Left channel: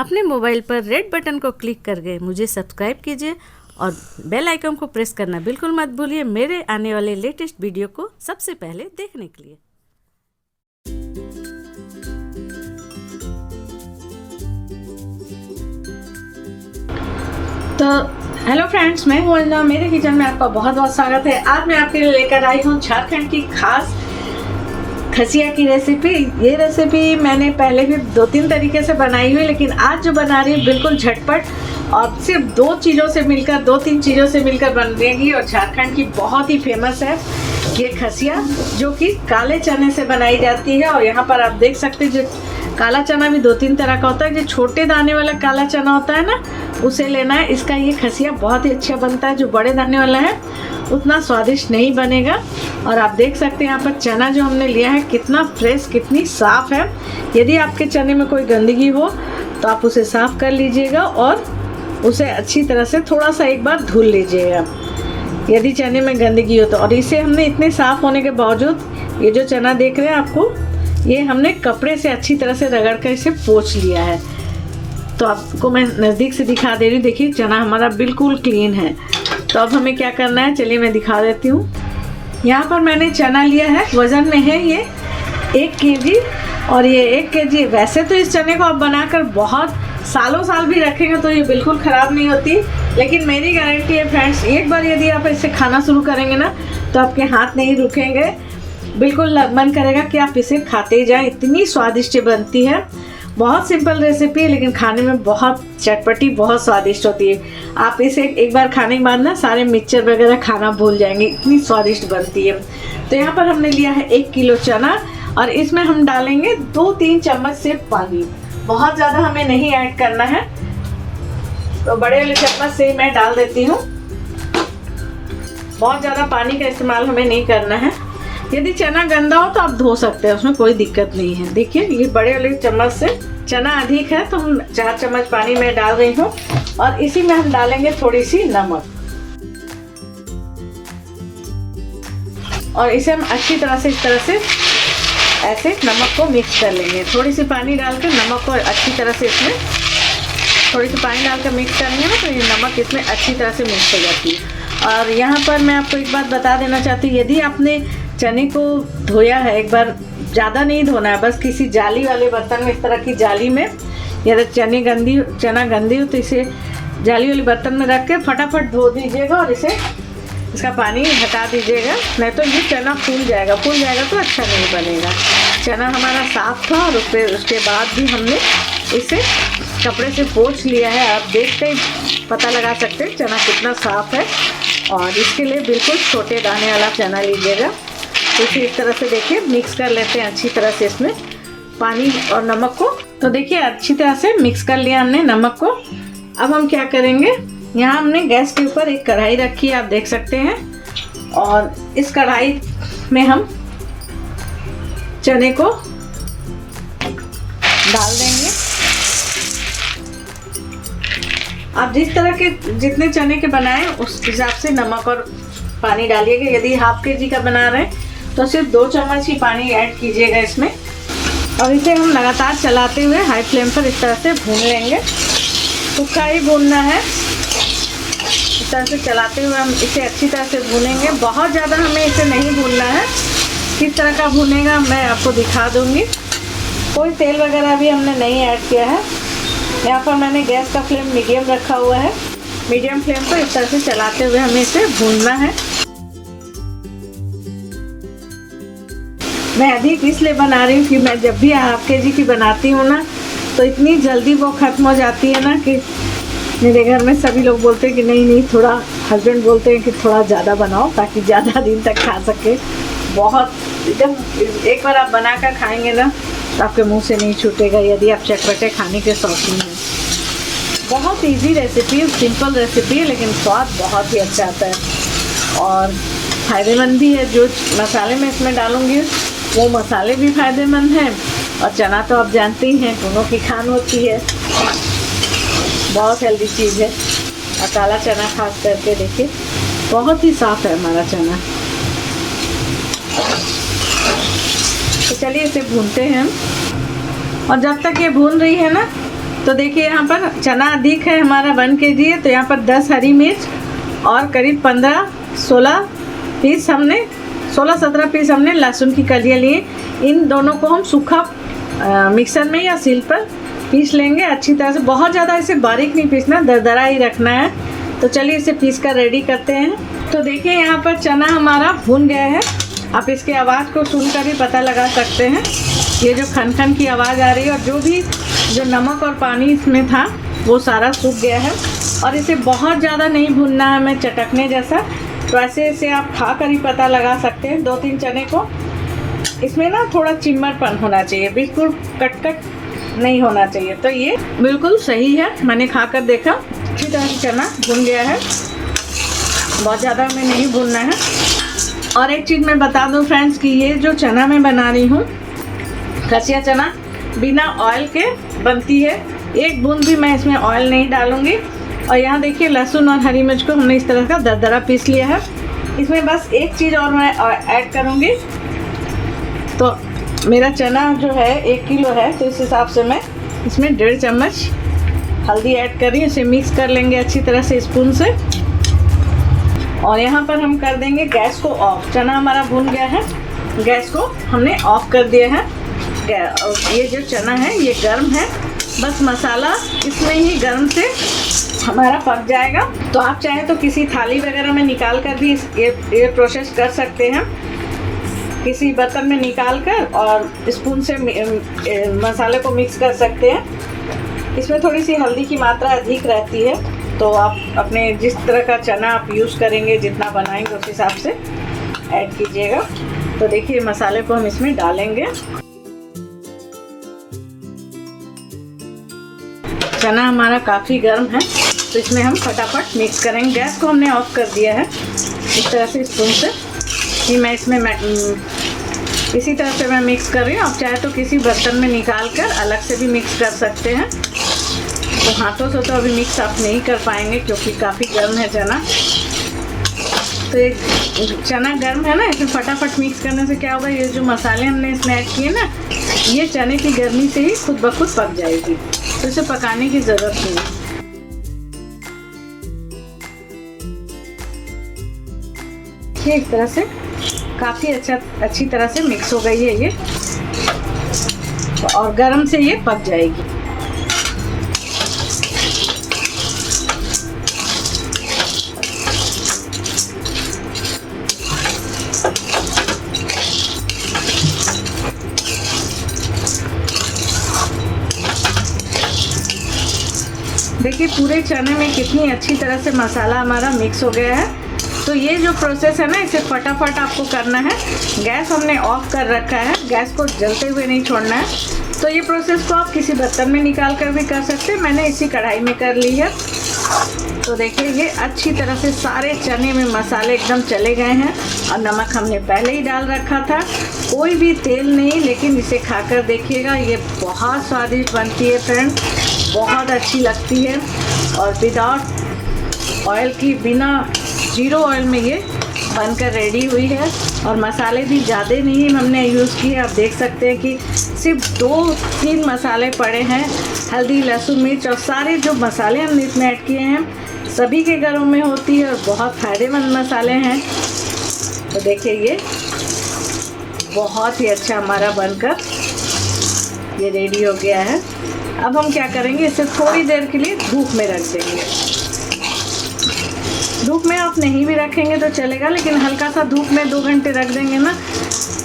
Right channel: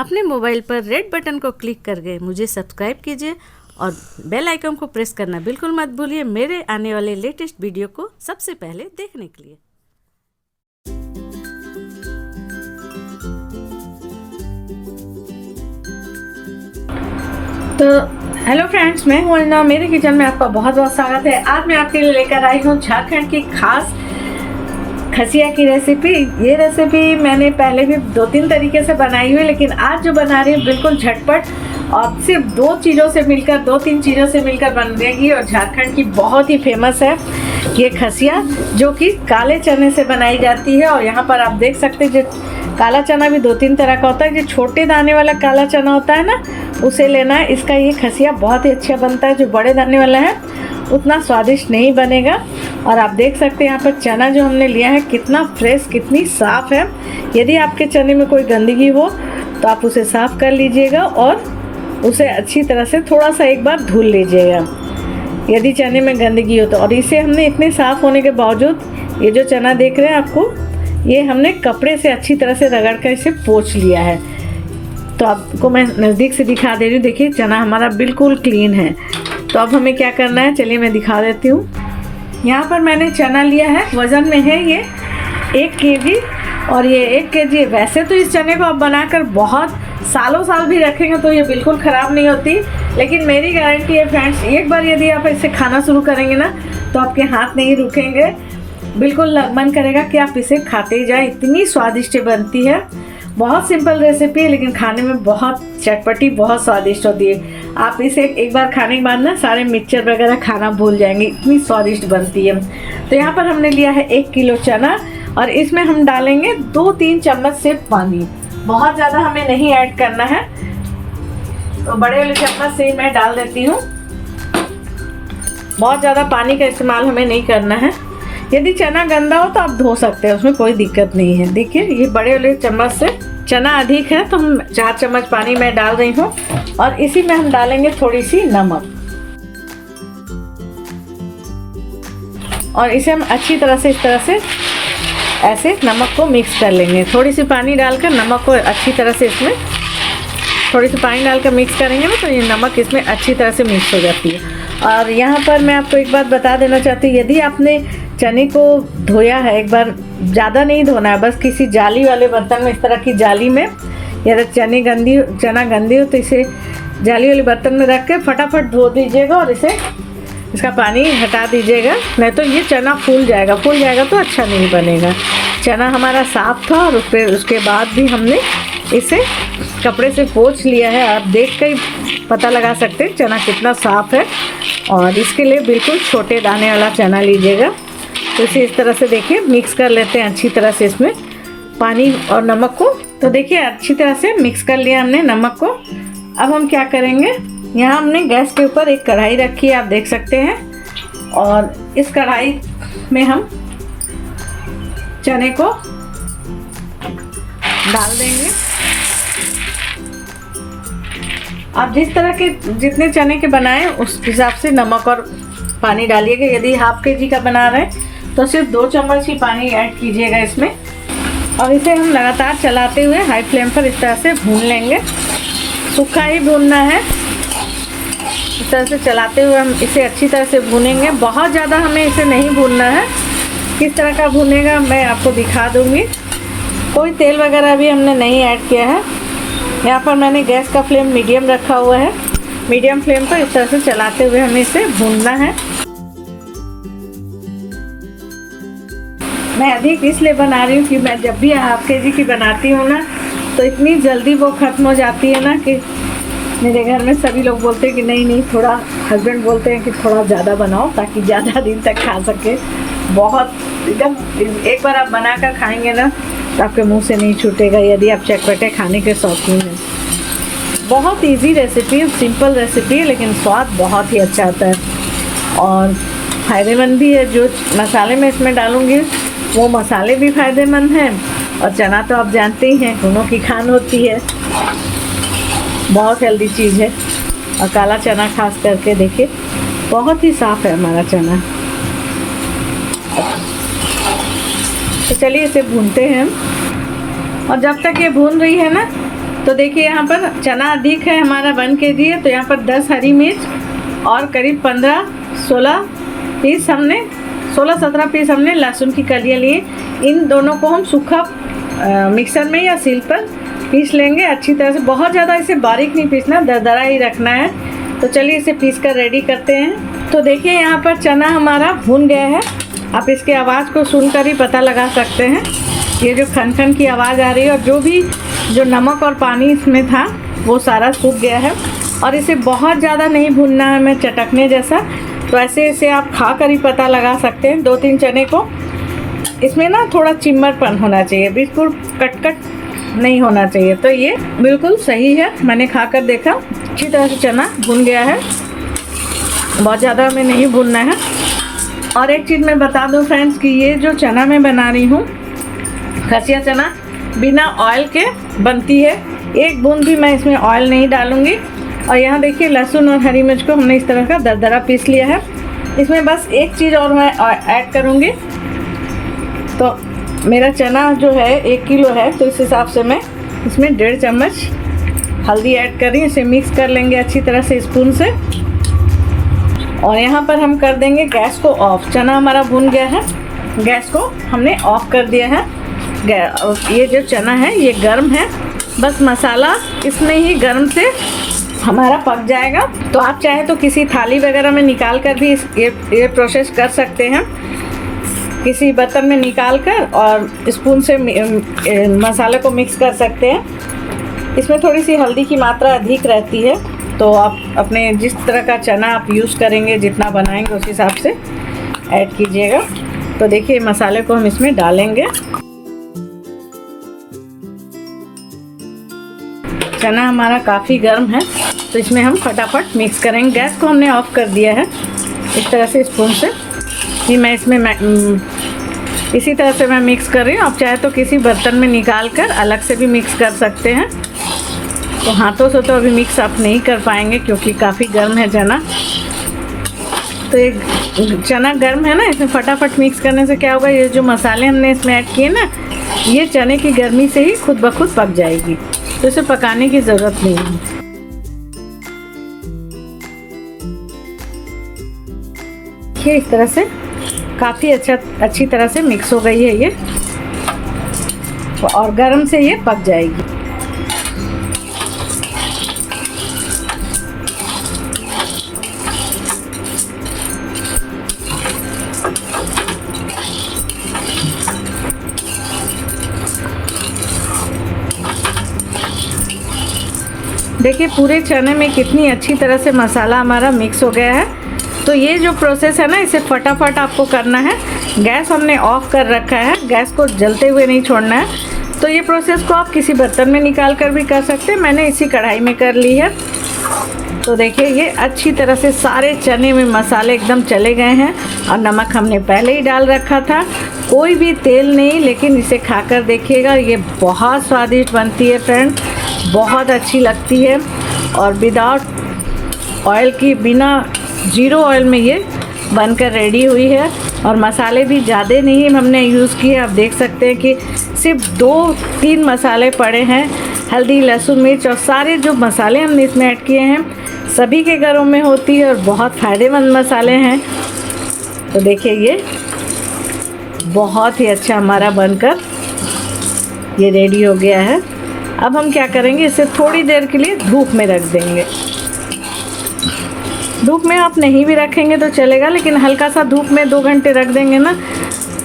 अपने मोबाइल पर red button को क्लिक करके मुझे सब्सक्राइब कीजिए और बेल आइकन को प्रेस करना बिल्कुल मत भूलिए मेरे आने वाले लेटेस्ट वीडियो को सबसे पहले देखने के लिए। तो हेलो फ्रेंड्स, मैं हूँ अन्ना। मेरे किचन में आपका बहुत बहुत स्वागत है। आज मैं आपके लिए लेकर आई हूँ झारखंड की खास खसिया की रेसिपी। ये रेसिपी मैंने पहले भी 2-3 तरीके से बनाई हुई, लेकिन आज जो बना रही हूँ बिल्कुल झटपट और सिर्फ 2 चीज़ों से मिलकर 2-3 चीज़ों से मिलकर बनेगी और झारखंड की बहुत ही फेमस है ये खसिया, जो कि काले चने से बनाई जाती है। और यहाँ पर आप देख सकते हैं जो काला चना भी 2-3 तरह का होता है। जो छोटे दाने वाला काला चना होता है ना, उसे लेना है। इसका ये खसिया बहुत ही अच्छा बनता है। जो बड़े दाने वाला है उतना स्वादिष्ट नहीं बनेगा। और आप देख सकते हैं यहाँ पर चना जो हमने लिया है कितना फ्रेश, कितनी साफ़ है। यदि आपके चने में कोई गंदगी हो तो आप उसे साफ़ कर लीजिएगा और उसे अच्छी तरह से थोड़ा सा एक बार धुल लीजिएगा यदि चने में गंदगी हो तो। और इसे हमने इतने साफ़ होने के बावजूद ये जो चना देख रहे हैं आपको, ये हमने कपड़े से अच्छी तरह से रगड़ कर इसे पोंछ लिया है। तो आपको मैं नज़दीक से दिखा दे रही हूँ। देखिए चना हमारा बिल्कुल क्लीन है। तो अब हमें क्या करना है, चलिए मैं दिखा देती हूँ। यहाँ पर मैंने चना लिया है, वज़न में है ये 1 केजी और ये 1 केजी। वैसे तो इस चने को आप बनाकर बहुत सालों साल भी रखेंगे तो ये बिल्कुल ख़राब नहीं होती, लेकिन मेरी गारंटी है फ्रेंड्स, एक बार यदि आप इसे खाना शुरू करेंगे ना तो आपके हाथ नहीं रुकेंगे। बिल्कुल मन करेगा कि आप इसे खाते ही जाएँ, इतनी स्वादिष्ट बनती है। बहुत सिंपल रेसिपी है लेकिन खाने में बहुत चटपटी, बहुत स्वादिष्ट होती है। आप इसे एक बार खाने के बाद ना सारे मिक्सचर वगैरह खाना भूल जाएंगे, इतनी स्वादिष्ट बनती है। तो यहाँ पर हमने लिया है 1 किलो चना और इसमें हम डालेंगे 2-3 चम्मच से पानी। बहुत ज़्यादा हमें नहीं ऐड करना है, तो बड़े वाले चम्मच से मैं डाल देती हूँ। बहुत ज़्यादा पानी का इस्तेमाल हमें नहीं करना है। यदि चना गंदा हो तो आप धो सकते हैं, उसमें कोई दिक्कत नहीं है। देखिए ये बड़े वाले चम्मच से चना अधिक है तो हम 4 चम्मच पानी मैं डाल रही हूँ और इसी में हम डालेंगे थोड़ी सी नमक और इसे हम अच्छी तरह से इस तरह से ऐसे नमक को मिक्स कर लेंगे। थोड़ी सी पानी डालकर नमक को अच्छी तरह से इसमें थोड़ी सी पानी डालकर मिक्स करेंगे ना तो ये नमक इसमें अच्छी तरह से मिक्स हो जाती है। और यहाँ पर मैं आपको एक बात बता देना चाहती हूँ, यदि आपने चने को धोया है, एक बार ज़्यादा नहीं धोना है, बस किसी जाली वाले बर्तन में, इस तरह की जाली में, यदि चना गंदी हो तो इसे जाली वाले बर्तन में रख के फटाफट धो दीजिएगा और इसका पानी हटा दीजिएगा, नहीं तो ये चना फूल जाएगा तो अच्छा नहीं बनेगा। चना हमारा साफ़ था और उसके बाद भी हमने इसे कपड़े से पोंछ लिया है। आप देख कर पता लगा सकते हैं चना कितना साफ़ है। और इसके लिए बिल्कुल छोटे दाने वाला चना लीजिएगा। तो इसे इस तरह से देखिए मिक्स कर लेते हैं अच्छी तरह से इसमें पानी और नमक को। तो देखिए अच्छी तरह से मिक्स कर लिया हमने नमक को। अब हम क्या करेंगे, यहाँ हमने गैस के ऊपर एक कढ़ाई रखी है, आप देख सकते हैं। और इस कढ़ाई में हम चने को डाल देंगे। आप जिस तरह के जितने चने के बनाएं उस हिसाब से नमक और पानी डालिएगा। यदि ½ केजी का बना रहे हैं तो सिर्फ 2 चम्मच ही पानी ऐड कीजिएगा इसमें। और इसे हम लगातार चलाते हुए हाई फ्लेम पर इस तरह से भून लेंगे। सूखा ही भूनना है, इस तरह से चलाते हुए हम इसे अच्छी तरह से भूनेंगे। बहुत ज़्यादा हमें इसे नहीं भूनना है। किस तरह का भूनेगा मैं आपको दिखा दूँगी। कोई तेल वगैरह भी हमने नहीं ऐड किया है। यहाँ पर मैंने गैस का फ्लेम मीडियम रखा हुआ है। मीडियम फ्लेम पर इस तरह से चलाते हुए हमें इसे भूनना है। मैं अधिक इसलिए बना रही हूँ कि मैं जब भी ½ केजी की बनाती हूँ ना तो इतनी जल्दी वो ख़त्म हो जाती है ना कि मेरे घर में सभी लोग बोलते हैं कि नहीं थोड़ा, हस्बैंड बोलते हैं कि थोड़ा ज़्यादा बनाओ ताकि ज़्यादा दिन तक खा सके। बहुत एकदम एक बार आप बना कर खाएँगे ना तो आपके मुंह से नहीं छूटेगा यदि आप चटपटे खाने के शौकीन हैं। बहुत इजी रेसिपी है, सिंपल रेसिपी है, लेकिन स्वाद बहुत ही अच्छा आता है और फ़ायदेमंद भी है। जो मसाले मैं इसमें डालूँगी वो मसाले भी फ़ायदेमंद हैं और चना तो आप जानते ही हैं दोनों की खान होती है, बहुत हेल्दी चीज़ है। और काला चना खास करके देखिए बहुत ही साफ़ है हमारा चना। तो चलिए इसे भूनते हैं और जब तक ये भून रही है ना तो देखिए यहाँ पर चना अधिक है हमारा 1 kg है, तो यहाँ पर 10 हरी मिर्च और करीब 15-16 पीस हमने 16-17 पीस हमने लहसुन की कलियाँ लिए। इन दोनों को हम सूखा मिक्सर में या सील पर पीस लेंगे अच्छी तरह से। बहुत ज़्यादा इसे बारीक नहीं पीसना, दरदरा ही रखना है। तो चलिए इसे पीस कर रेडी करते हैं। तो देखिए यहाँ पर चना हमारा भुन गया है। आप इसकी आवाज़ को सुनकर ही पता लगा सकते हैं। ये जो खन खन की आवाज़ आ रही है, और जो नमक और पानी इसमें था वो सारा सूख गया है। और इसे बहुत ज़्यादा नहीं भुनना है हमें चटकने जैसा। तो ऐसे इसे आप खा कर ही पता लगा सकते हैं। 2-3 चने को इसमें ना थोड़ा चिम्मरपन होना चाहिए, बिल्कुल कट नहीं होना चाहिए। तो ये बिल्कुल सही है, मैंने खा कर देखा, अच्छी तरह से चना भुन गया है। बहुत ज़्यादा हमें नहीं भुनना है। और एक चीज़ मैं बता दूं फ्रेंड्स कि ये जो चना मैं बना रही हूँ, खसिया चना बिना ऑयल के बनती है। एक बूंद भी मैं इसमें ऑयल नहीं डालूँगी। और यहाँ देखिए लहसुन और हरी मिर्च को हमने इस तरह का दरदरा पीस लिया है। इसमें बस एक चीज़ और मैं ऐड करूँगी। तो मेरा चना जो है 1 किलो है, तो इस हिसाब से मैं इसमें 1.5 चम्मच हल्दी ऐड कर रही हूँ। इसे मिक्स कर लेंगे अच्छी तरह से स्पून से। और यहाँ पर हम कर देंगे गैस को ऑफ। चना हमारा भुन गया है, गैस को हमने ऑफ कर दिया है। ये जो चना है ये गर्म है, बस मसाला इसमें ही गर्म से हमारा पक जाएगा। तो आप चाहे तो किसी थाली वगैरह में निकाल कर भी ये प्रोसेस कर सकते हैं। किसी बर्तन में निकाल कर और स्पून से मसाले को मिक्स कर सकते हैं। इसमें थोड़ी सी हल्दी की मात्रा अधिक रहती है, तो आप अपने जिस तरह का चना आप यूज़ करेंगे, जितना बनाएंगे उस हिसाब से ऐड कीजिएगा। तो देखिए मसाले को हम इसमें डालेंगे। चना हमारा काफ़ी गर्म है, तो इसमें हम फटाफट मिक्स करेंगे। गैस को हमने ऑफ कर दिया है इस तरह से स्पून से कि मैं इसमें इसी तरह से मैं मिक्स कर रही हूँ। आप चाहे तो किसी बर्तन में निकाल कर अलग से भी मिक्स कर सकते हैं। तो हाथों से तो अभी मिक्स आप नहीं कर पाएंगे क्योंकि काफ़ी गर्म है चना। तो एक चना गर्म है ना, इसमें फटाफट मिक्स करने से क्या होगा, ये जो मसाले हमने इसमें ऐड किए ना, ये चने की गर्मी से ही खुद ब खुद पक जाएगी। तो इसे पकाने की ज़रूरत नहीं है। ये इस तरह से काफ़ी अच्छी तरह से मिक्स हो गई है ये, और गर्म से ये पक जाएगी। देखिए पूरे चने में कितनी अच्छी तरह से मसाला हमारा मिक्स हो गया है। तो ये जो प्रोसेस है ना, इसे फटाफट आपको करना है। गैस हमने ऑफ कर रखा है, गैस को जलते हुए नहीं छोड़ना है। तो ये प्रोसेस को आप किसी बर्तन में निकाल कर भी कर सकते हैं। मैंने इसी कढ़ाई में कर ली है। तो देखिए ये अच्छी तरह से सारे चने में मसाले एकदम चले गए हैं, और नमक हमने पहले ही डाल रखा था। कोई भी तेल नहीं, लेकिन इसे खाकर देखिएगा, ये बहुत स्वादिष्ट बनती है फ्रेंड, बहुत अच्छी लगती है। और विदाउट ऑयल की, बिना 0 ऑयल में ये बनकर रेडी हुई है। और मसाले भी ज़्यादा नहीं हमने यूज़ किए। आप देख सकते हैं कि सिर्फ 2-3 मसाले पड़े हैं, हल्दी, लहसुन, मिर्च, और सारे जो मसाले हमने इसमें ऐड किए हैं सभी के घरों में होती है, और बहुत फ़ायदेमंद मसाले हैं। तो देखिए ये बहुत ही अच्छा हमारा बनकर ये रेडी हो गया है। अब हम क्या करेंगे, इसे थोड़ी देर के लिए धूप में रख देंगे। धूप में आप नहीं भी रखेंगे तो चलेगा, लेकिन हल्का सा धूप में 2 घंटे रख देंगे ना,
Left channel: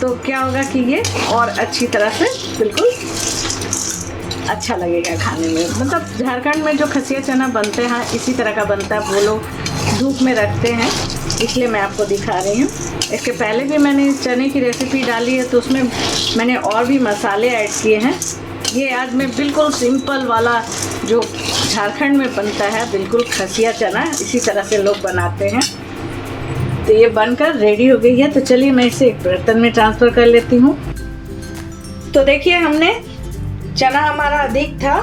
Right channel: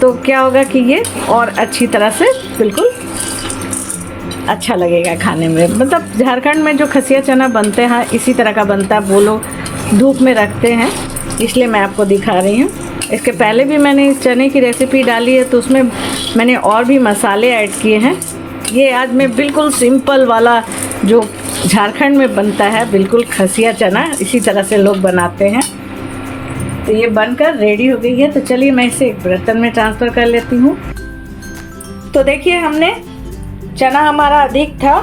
तो क्या होगा कि ये और अच्छी तरह से बिल्कुल अच्छा लगेगा खाने में। मतलब झारखंड में जो खसिया चना बनते हैं इसी तरह का बनता है, वो लोग धूप में रखते हैं, इसलिए मैं आपको दिखा रही हूँ। इसके पहले भी मैंने इस चने की रेसिपी डाली है, तो उसमें मैंने और भी मसाले ऐड किए हैं। ये आज मैं बिल्कुल सिंपल वाला जो झारखंड में बनता है, बिल्कुल खसिया चना, इसी तरह से लोग बनाते हैं। तो ये बनकर रेडी हो गई है। तो चलिए मैं इसे एक बर्तन में ट्रांसफ़र कर लेती हूँ। तो देखिए हमने चना हमारा अधिक था,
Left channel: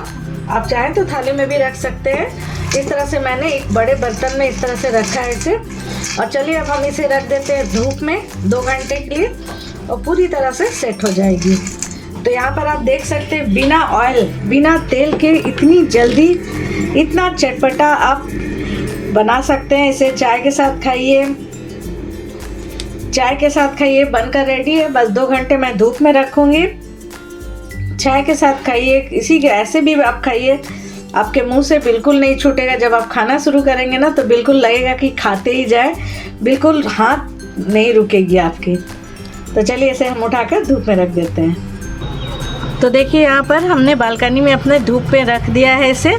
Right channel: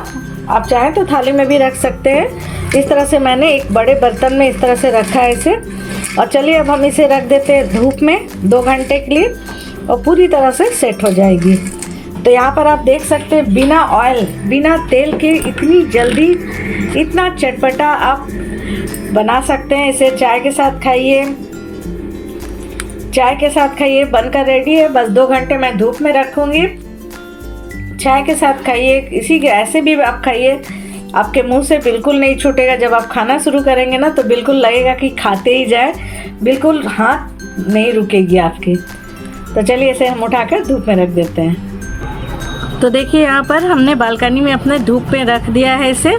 आप चाहें तो थाली में भी रख सकते हैं। इस तरह से मैंने एक बड़े बर्तन में इस तरह से रखा है इसे। और चलिए अब हम इसे रख देते हैं धूप में 2 घंटे के लिए, और पूरी तरह से सेट हो जाएगी। तो यहाँ पर आप देख सकते हैं बिना ऑयल, बिना तेल के इतनी जल्दी इतना चटपटा आप बना सकते हैं। इसे चाय के साथ खाइए, चाय के साथ खाइए। बनकर रेडी है, बस 2 घंटे मैं धूप में रखूँगी। चाय के साथ खाइए, इसी के ऐसे भी आप खाइए, आपके मुंह से बिल्कुल नहीं छूटेगा। जब आप खाना शुरू करेंगे ना तो बिल्कुल लगेगा कि खाते ही जाए, बिल्कुल हाथ नहीं रुकेगी आपकी। तो चलिए इसे हम उठाकर धूप में रख देते हैं। तो देखिए यहाँ पर हमने बालकनी में अपने धूप में रख दिया है इसे,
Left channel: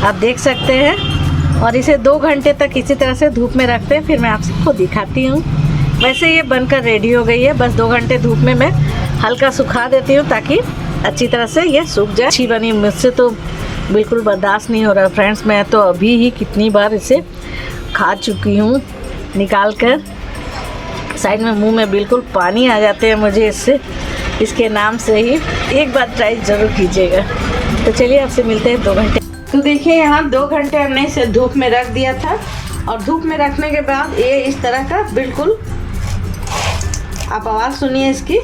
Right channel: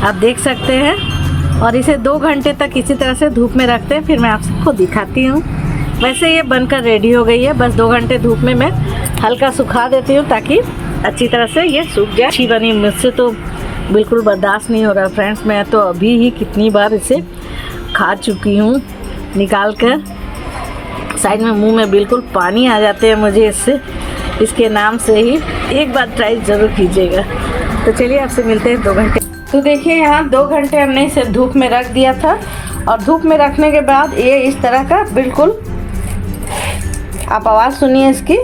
आप देख सकते हैं। और इसे 2 घंटे तक इसी तरह से धूप में रखते हैं, फिर मैं आपको दिखाती हूँ। वैसे ये बनकर रेडी हो गई है, बस 2 घंटे धूप में मैं हल्का सुखा देती हूँ ताकि अच्छी तरह से ये सूख जाए। अच्छी बनी, मुझसे तो बिल्कुल बर्दाश्त नहीं हो रहा फ्रेंड्स। मैं तो अभी ही कितनी बार इसे खा चुकी हूँ निकाल कर। साइड में मुंह में बिल्कुल पानी आ जाते हैं मुझे इसके नाम से ही। एक बार ट्राई ज़रूर कीजिएगा। तो चलिए आपसे मिलते हैं 2 घंटे। तो देखिए यहाँ 2 घंटे हमने इसे धूप में रख दिया था, और धूप में रखने के बाद ये इस तरह का बिल्कुल, आप आवाज़ सुनिए इसकी,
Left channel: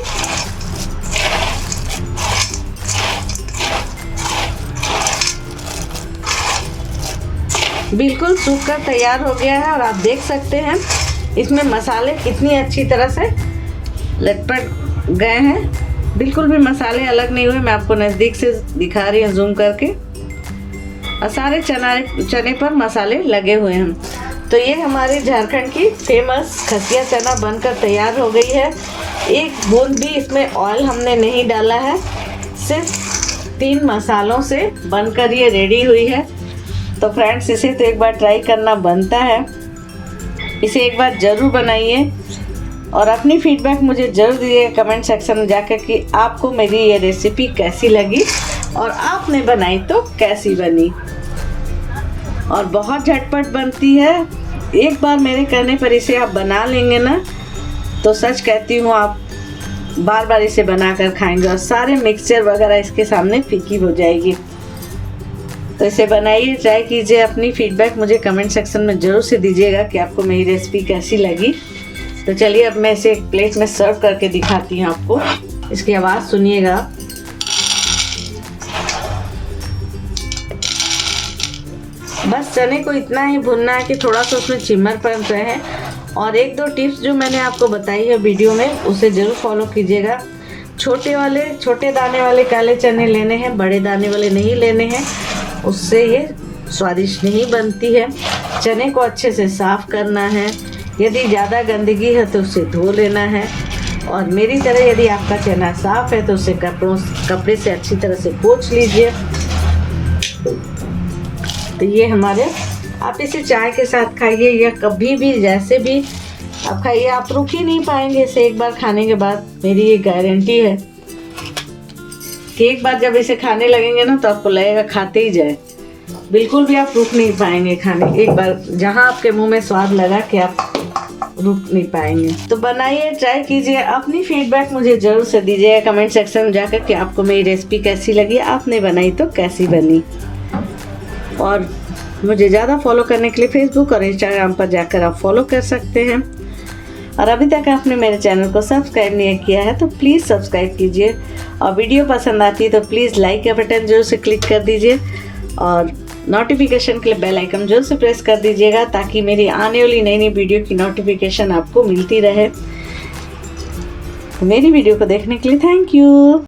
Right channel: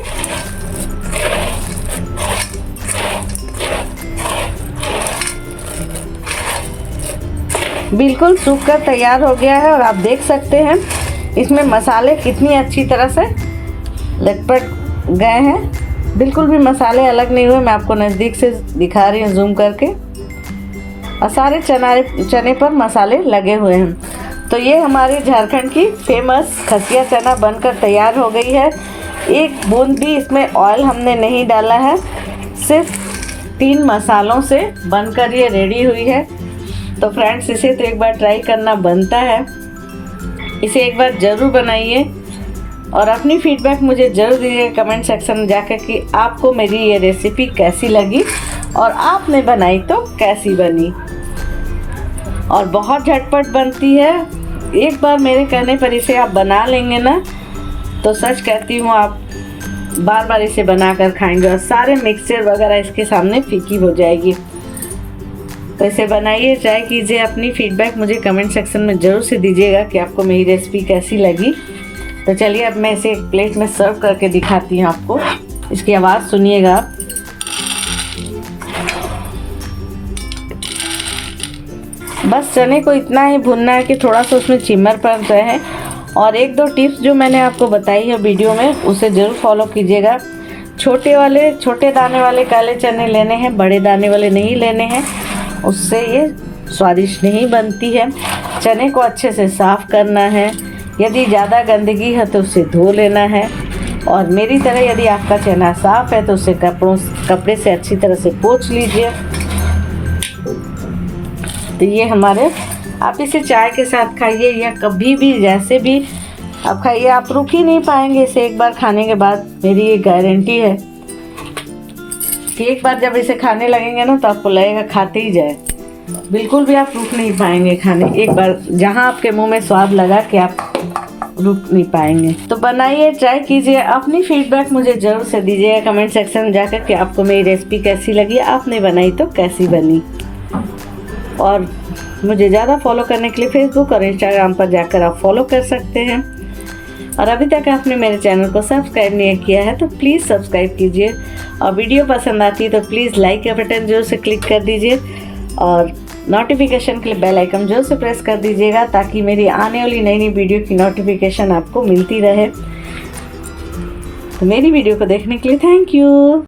बिल्कुल सूख कर तैयार हो गया है। और आप देख सकते हैं इसमें मसाले कितनी अच्छी तरह से लटपट गए हैं, बिल्कुल भी मसाले अलग नहीं हुए। मैं आपको नज़दीक से दिखा रही हूँ जूम करके, और सारे चने पर मसाले लगे हुए हैं। तो ये हमारी झारखंड की फेमस खसिया चना बनकर तैयार हो गई है। एक बूंद भी इसमें ऑयल हमने नहीं डाला है, सिर्फ 3 मसालों से बनकर ये रेडी हुई है। तो फ्रेंड्स इसे तो एक बार ट्राई करना बनता है, इसे एक बार ज़रूर बनाइए और अपनी फीडबैक मुझे ज़रूर दीजिएगा कमेंट सेक्शन में जाकर कि आपको मेरी ये रेसिपी कैसी लगी और आपने बनाई तो कैसी बनी। और बहुत झटपट बनती है, एक बार मेरे कहने पर इसे आप बना लेंगे ना तो सच कहती हूँ आप बार बार इसे बना कर खाएंगे और सारे मिक्सचर वगैरह इसके सामने फीकी हो जाएगी। तो इसे बनाइए, ट्राई कीजिए, अपनी फीडबैक मुझे कमेंट सेक्शन में ज़रूर से दीजिएगा कि आपको मेरी रेसिपी कैसी लगी। तो चलिए अब मैं इसे एक प्लेट में सर्व करके दिखाती हूँ आपको, इसकी आवाज़ सुनिएगा। बस चने को इतना ही भुनना है कि थोड़ा सा उसमें चिम्मरपन रहे। और 1-2 टिप्स जो मैंने आपको बताई है वीडियो में उसे ज़रूर फॉलो कीजिएगा। छोटे दाने वाले काले चने लेने हैं, बड़े दाने वाले नहीं लेने हैं, उससे ये स्वादिष्ट नहीं बनती है। चने को अच्छे से साफ़ करना है, यदि ज़्यादा गंदगी है तो उसे धो लेना है। और मेरी तरह यदि आपका चना साफ़ है तो उसे कपड़े से अच्छी तरह से पोंछ लीजिए। तो ये हमारे, आप इसे चाय के साथ खाइए या कभी भी जैसे भी आप खाइए, आप रुक ही नहीं पाएंगे इसे एक बार खाने के बाद। मेरी ये गारंटी है कि एक बार जब इसे खाने लगेंगे ना तो आपको लगेगा खाते ही जाए, बिल्कुल भी आप रुक नहीं पाएंगे खाने। एक बार जहाँ आपके मुंह में स्वाद लगा कि आप रुक नहीं पाएंगे। तो बनाइए, ट्राई कीजिए, अपनी फीडबैक मुझे ज़रूर से दीजिएगा कमेंट सेक्शन में जाकर कि आपको मेरी रेसिपी कैसी लगी, आपने बनाई तो कैसी बनी। और मुझे ज़्यादा फॉलो करने के लिए फेसबुक और इंस्टाग्राम पर जाकर आप फॉलो कर सकते हैं। और अभी तक आपने मेरे चैनल को सब्सक्राइब नहीं किया है तो प्लीज़ सब्सक्राइब कीजिए। और वीडियो पसंद आती है तो प्लीज़ लाइक का बटन जरूर से क्लिक कर दीजिए और नोटिफिकेशन के लिए बेल आइकन जरूर से प्रेस कर दीजिएगा ताकि मेरी आने वाली नई वीडियो की नोटिफिकेशन आपको मिलती रहे। तो मेरी वीडियो को देखने के लिए थैंक यू।